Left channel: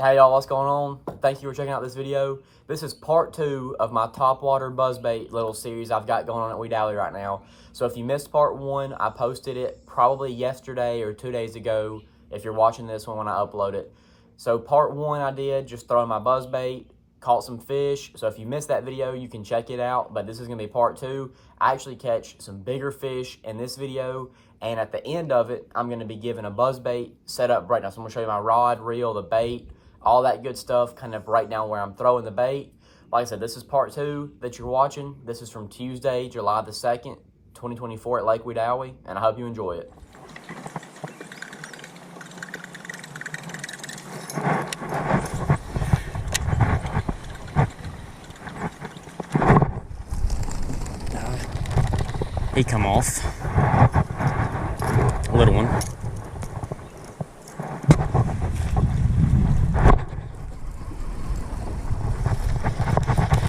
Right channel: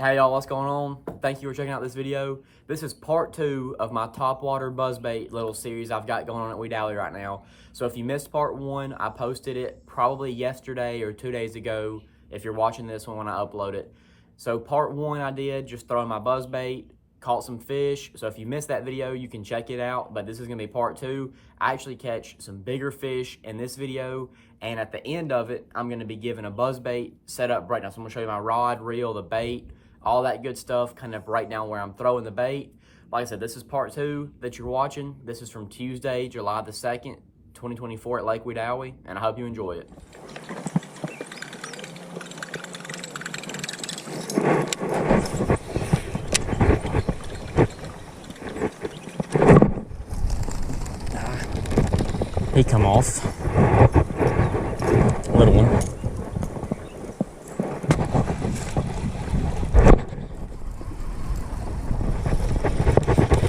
Hey y'all, what's going on? Thank you for checking out this video. This is part 2 of my Topwater Buzzbait little series I've got going on at Wedowee right now. So if you missed part 1, I posted it probably yesterday or 2 days ago if you're watching this one when I upload it. So part 1 I did, just throwing my buzzbait, caught some fish. So if you missed that video, you can check it out, but this is gonna be part 2. I actually catch some bigger fish in this video, and at the end of it, I'm gonna be giving a buzzbait set up right now. So I'm gonna show you my rod, reel, the bait, all that good stuff, kind of right now where I'm throwing the bait. Like I said, this is part 2 that you're watching. This is from Tuesday, July the 2nd, 2024 at Lake Wedowee, and I hope you enjoy it. He come off. Little one.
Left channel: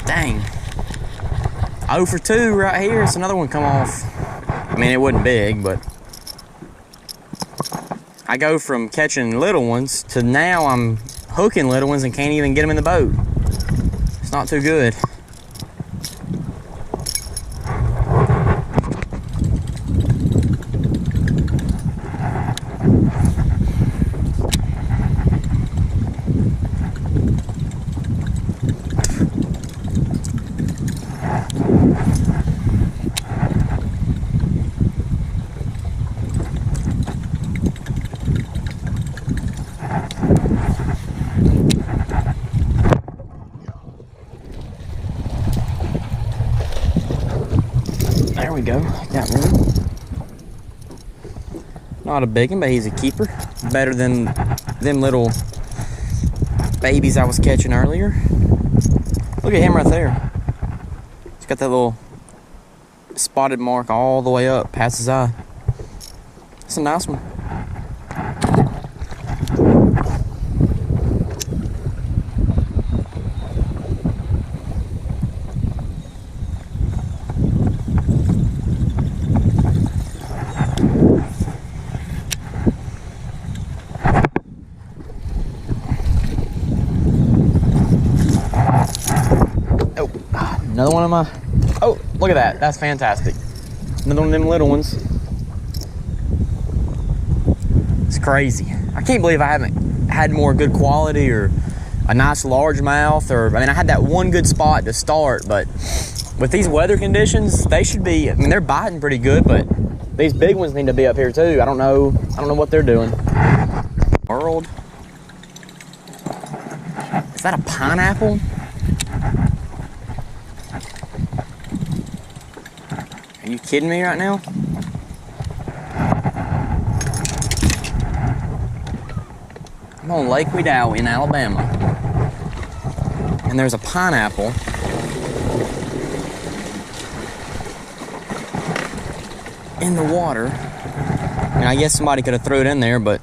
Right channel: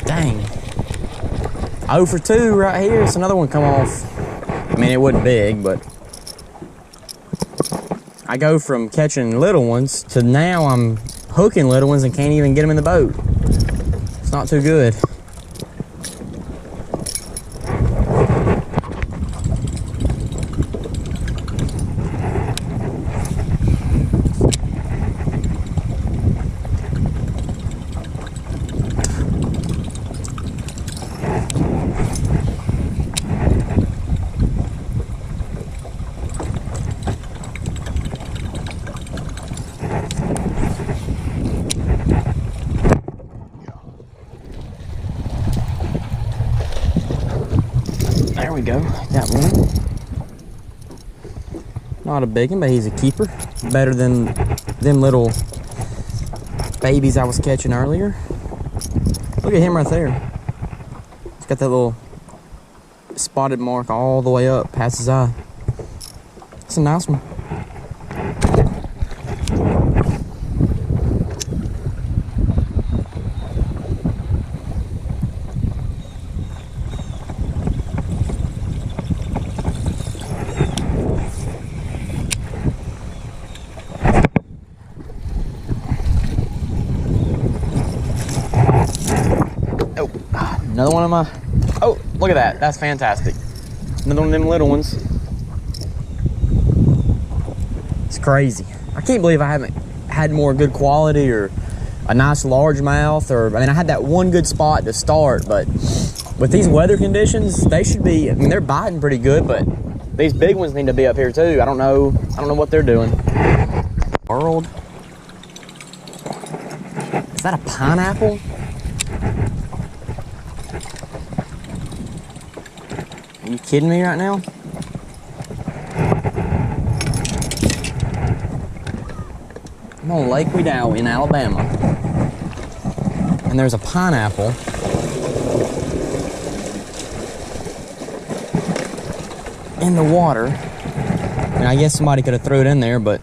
Dang. 0 for 2 right here. It's another one come off. I mean, it wasn't big, but I go from catching little ones to now I'm hooking little ones and can't even get them in the boat. It's not too good. There we go, got one. Not a big one, but he's a keeper. Better than them little babies I was catching earlier. Look at him right there. He's got that little spotted mark all the way up past his eye. It's a nice one. Oh, another one of my, oh, look at that. That's fantastic. Another one of them little ones. It's crazy. I can't believe I haven't had more good quality or a nice largemouth, or, I mean, I had that one good spot to start, but with these weather conditions, they should be, I mean, they're biting pretty good, but these big ones need to be up here too. I don't know what they're doing. World. Is that a pineapple? Are you kidding me right now? I'm on Lake Wedowee in Alabama, and there's a pineapple in the water. I mean, I guess somebody could have threw it in there, but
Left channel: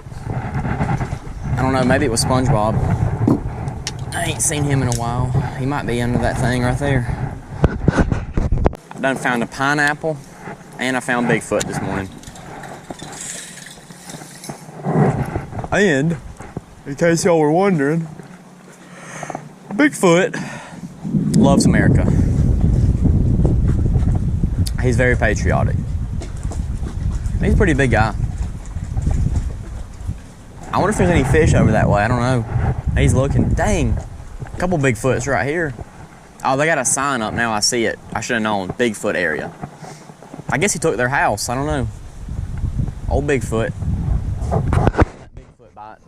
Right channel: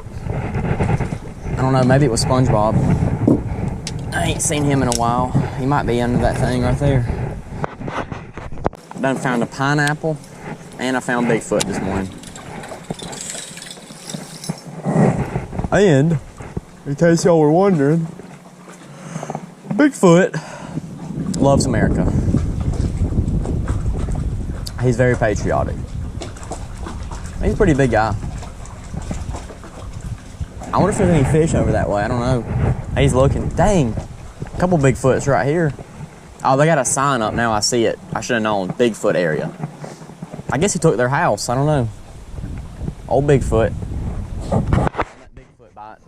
I don't know, maybe it was SpongeBob. I ain't seen him in a while. He might be under that thing right there. Done found a pineapple, and I found Bigfoot this morning. And, in case y'all were wondering, Bigfoot loves America. He's very patriotic. He's a pretty big guy. I wonder if there's any fish over that way. I don't know. He's looking. Dang, a couple Bigfoots right here. Oh, they got a sign up now. I see it. I should have known. Bigfoot area. I guess he took their house. I don't know. Old Bigfoot. That Bigfoot bite.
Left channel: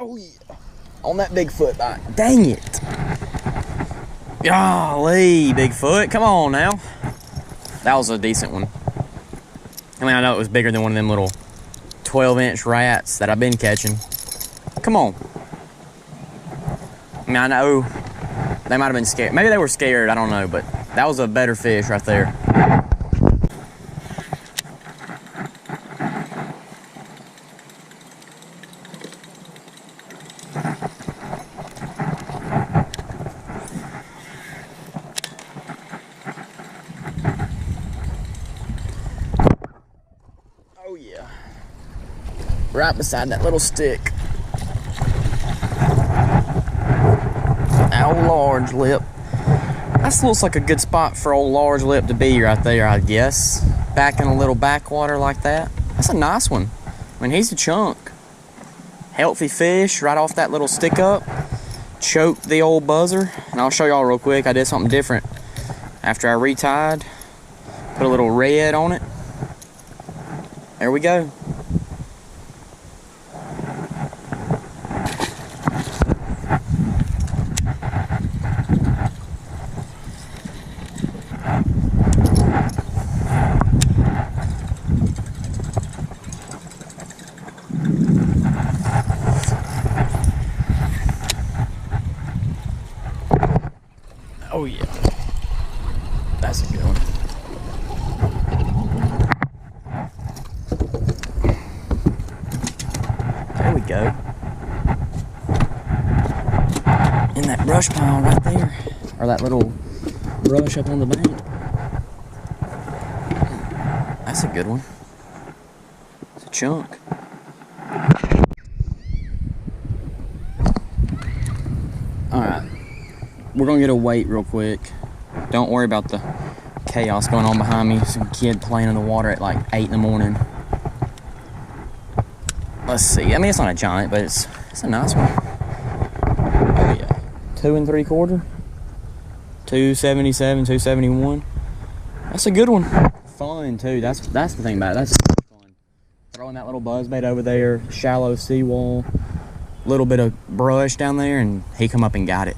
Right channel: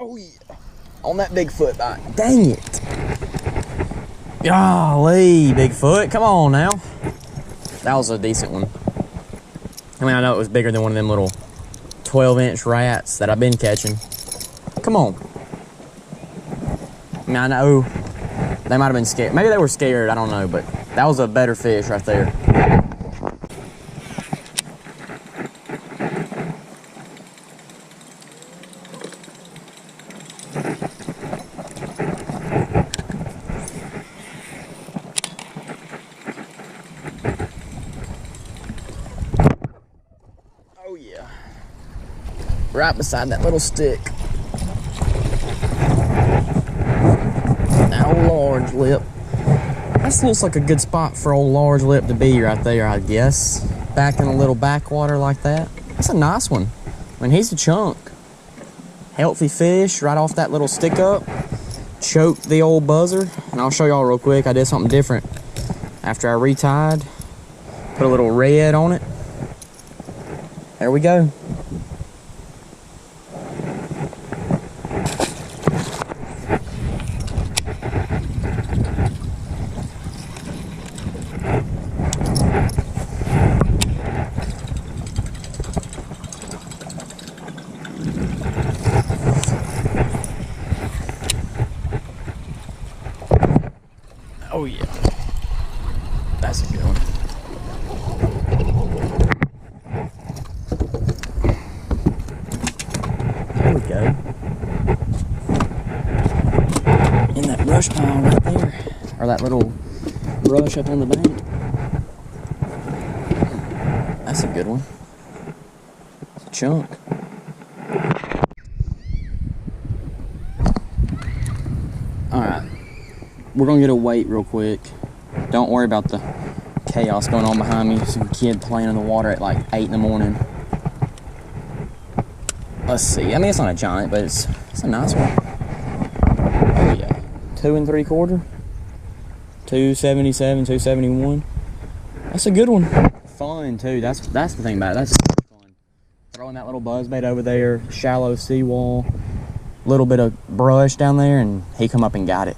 Oh yeah. On that Bigfoot bite. Dang it. Golly, Bigfoot, come on now. That was a decent one. I mean, I know it was bigger than one of them little 12-inch rats that I've been catching. Come on. I mean, I know they might have been scared. Maybe they were scared, I don't know, but that was a better fish right there. Oh yeah. Right beside that little stick. Old large lip. That looks like a good spot for old large lip to be right there, I guess. Back in a little backwater like that. That's a nice one. I mean, he's a chunk. Healthy fish right off that little stick up. Choked the old buzzer. And I'll show y'all real quick. I did something different. After I retied, put a little red on it. There we go. Oh yeah, that's a good one. There we go. In that brush pile right there, or that little brush up on the bank. That's a good one. It's a chunk. All right. We're gonna get a weight real quick. Don't worry about the chaos going on behind me. Some kid playing in the water at like 8 in the morning. Let's see. I mean, it's not a giant, but it's a nice one. Oh yeah, 2 3/4, 277, 271. That's a good one. Fun too. That's the thing about it. That's fun. Throwing that little buzzbait over there, shallow seawall, little bit of brush down there, and he come up and got it.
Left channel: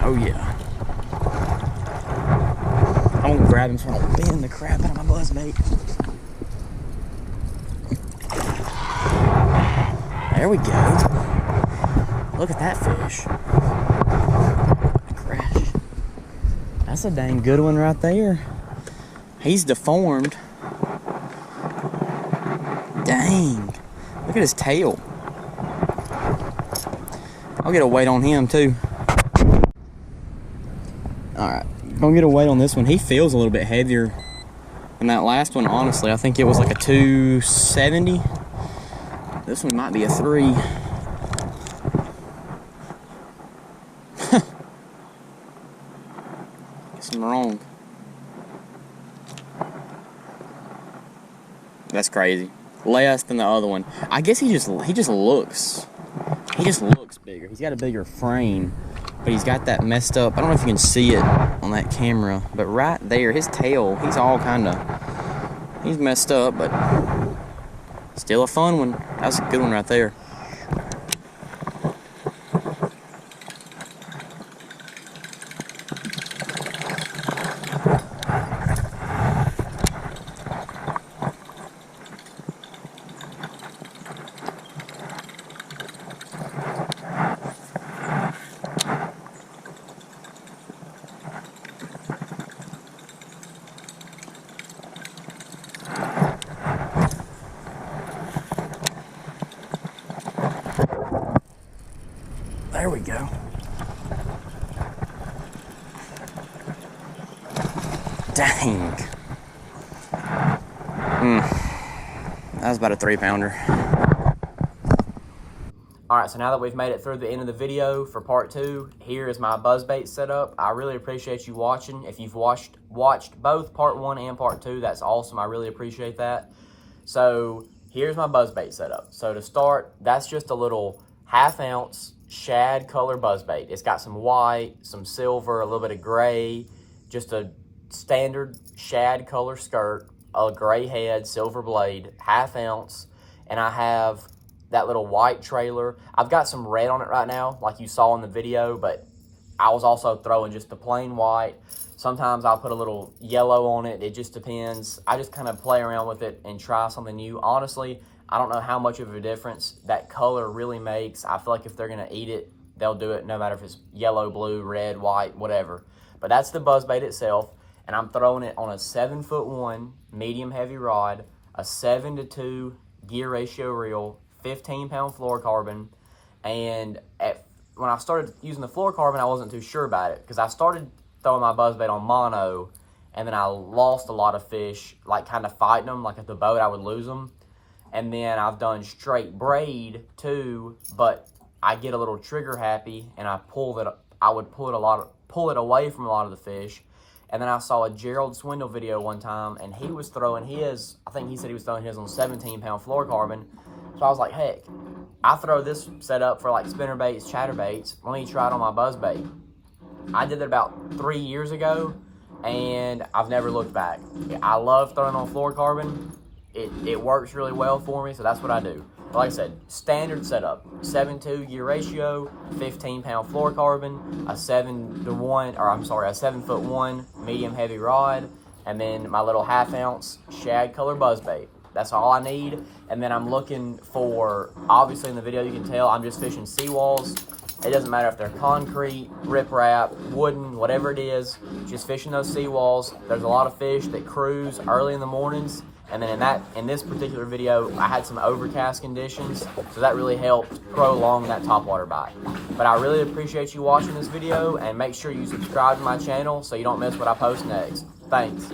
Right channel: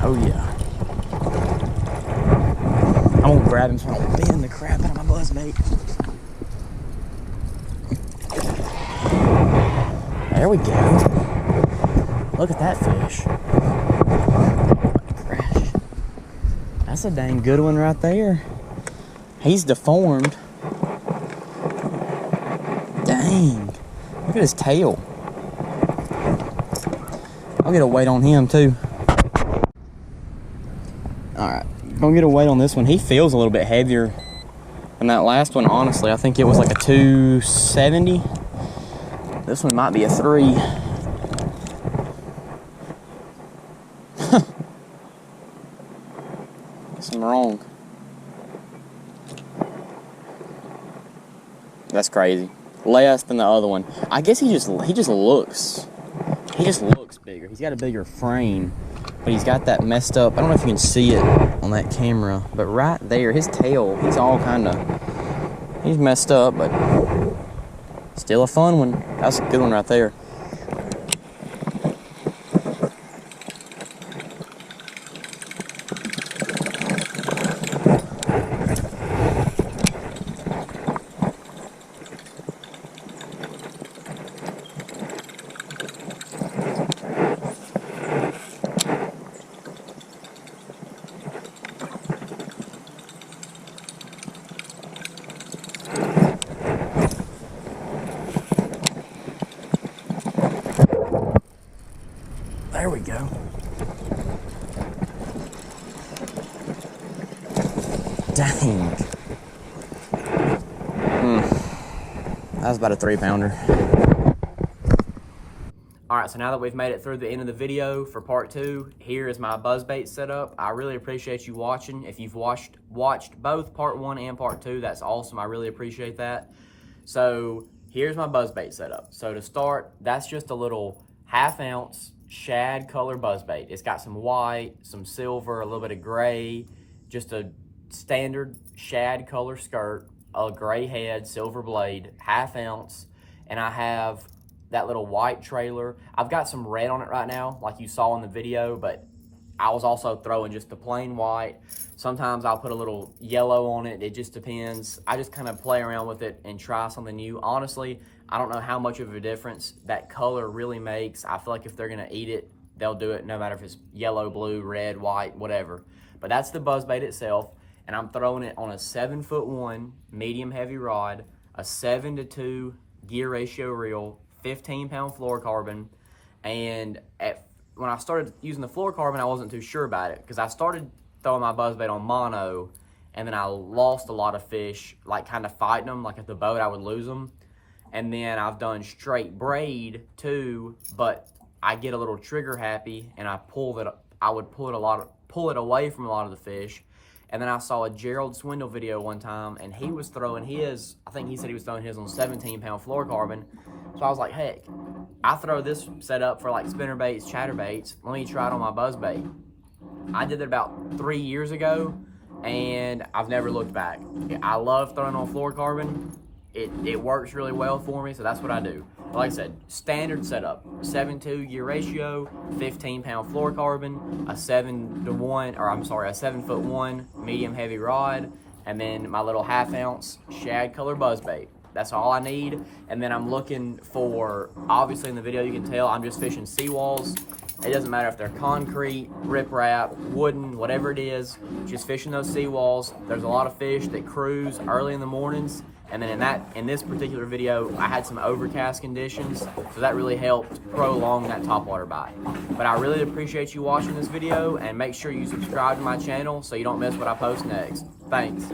Oh yeah. I'm gonna grab him so I don't bend the crap out of my buzzbait. There we go. Look at that fish. Oh, crash. That's a dang good one right there. He's deformed. Dang. Look at his tail. I'll get a weight on him too. Alright, gonna get a weight on this one. He feels a little bit heavier than that last one, honestly. I think it was like a 270. This one might be a 3. Guess I'm wrong. That's crazy. Less than the other one. I guess he just looks bigger. He's got a bigger frame. But he's got that messed up. I don't know if you can see it on that camera, but right there, his tail, he's messed up, but still a fun one. That's a good one right there. There we go. Dang. That was about a 3-pounder. Alright, so now that we've made it through the end of the video for part 2, here is my buzzbait setup. I really appreciate you watching. If you've watched both part 1 and part 2, that's awesome. I really appreciate that. So here's my buzzbait setup. So to start, that's just a little 1/2 ounce shad color buzzbait. It's got some white, some silver, a little bit of gray, just a standard shad color skirt, a gray head, silver blade, 1/2 ounce, and I have that little white trailer. I've got some red on it right now, like you saw in the video, but I was also throwing just the plain white. Sometimes I'll put a little yellow on it. It just depends. I just kind of play around with it and try something new. Honestly, I don't know how much of a difference that color really makes. I feel like if they're gonna eat it, they'll do it no matter if it's yellow, blue, red, white, whatever. But that's the buzzbait itself, and I'm throwing it on a 7'1" medium heavy rod, a 7-to-2 gear ratio reel, 15-pound fluorocarbon, and when I started using the fluorocarbon, I wasn't too sure about it because I started throwing my buzzbait on mono, and then I lost a lot of fish, like kind of fighting them. Like at the boat, I would lose them. And then I've done straight braid too, but I get a little trigger happy, and I would pull it away from a lot of the fish. And then I saw a Gerald Swindle video one time, and he was throwing his, I think he said he was throwing his on 17-pound fluorocarbon. So I was like, heck, I throw this setup for like spinnerbaits, chatterbaits. Let me try it on my buzzbait. I did it about 3 years ago, and I've never looked back. I love throwing on fluorocarbon. It works really well for me, so that's what I do. But like I said, standard setup, 7-2 gear ratio, 15-pound fluorocarbon, a 7'1" medium heavy rod, and then my little 1/2 ounce shad color buzzbait. That's all I need. And then I'm looking for, obviously in the video you can tell, I'm just fishing seawalls. It doesn't matter if they're concrete, riprap, wooden, whatever it is, just fishing those seawalls. There's a lot of fish that cruise early in the mornings. And then in this particular video, I had some overcast conditions, so that really helped prolong that topwater bite. But I really appreciate you watching this video, and make sure you subscribe to my channel so you don't miss what I post next. Thanks.